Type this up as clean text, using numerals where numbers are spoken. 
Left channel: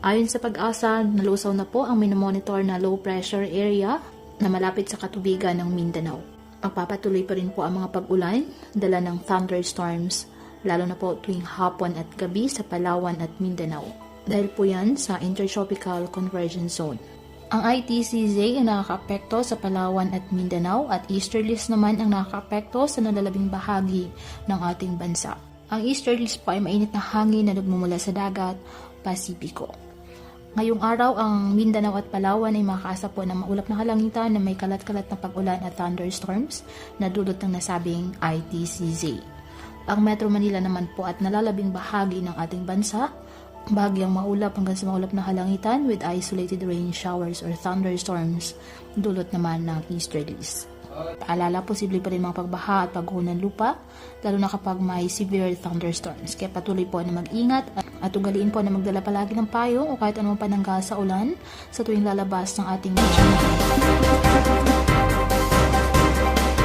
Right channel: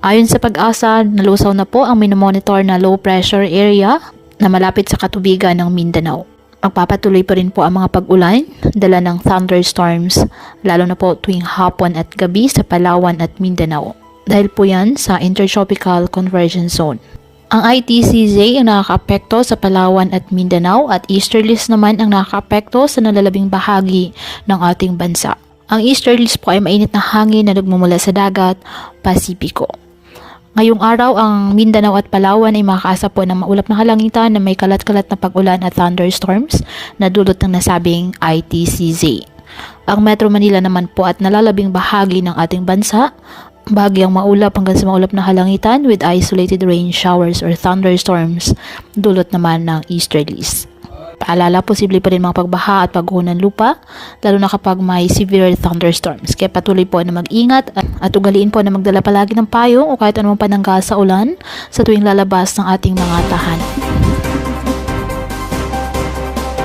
Ayon sa Pag-asa, nalusaw na po ang minomonitor na low pressure area na malapit sa katubigan ng Mindanao. Magpapatuloy pa rin po ang mga pag-ulan, dala ng thunderstorms, lalo na po tuwing hapon at gabi sa Palawan at Mindanao. Dahil po yan sa Intertropical Convergence Zone. Ang ITCZ ang nakakaapekto sa Palawan at Mindanao at easterlies naman ang nakakaapekto sa nalalabing bahagi ng ating bansa. Ang easterlies po ay mainit na hangin na nagmumula sa dagat, Pasipiko. Ngayong araw, ang Mindanao at Palawan ay makakaasa po ng maulap na kalangitan na may kalat-kalat na pag-ulan at thunderstorms na dulot ng nasabing ITCZ. Ang Metro Manila naman po at nalalabing bahagi ng ating bansa, bahagyang maulap hanggang sa maulap na kalangitan with isolated rain showers or thunderstorms, dulot naman ng easterlies. Paalala, posible pa rin mga pagbaha at pagguho ng lupa, lalo na kapag may severe thunderstorms. Kaya patuloy po na mag-ingat at ugaliin po na magdala palagi ng payong o kahit anumang panangga sa ulan sa tuwing lalabas ng ating mga tahanan.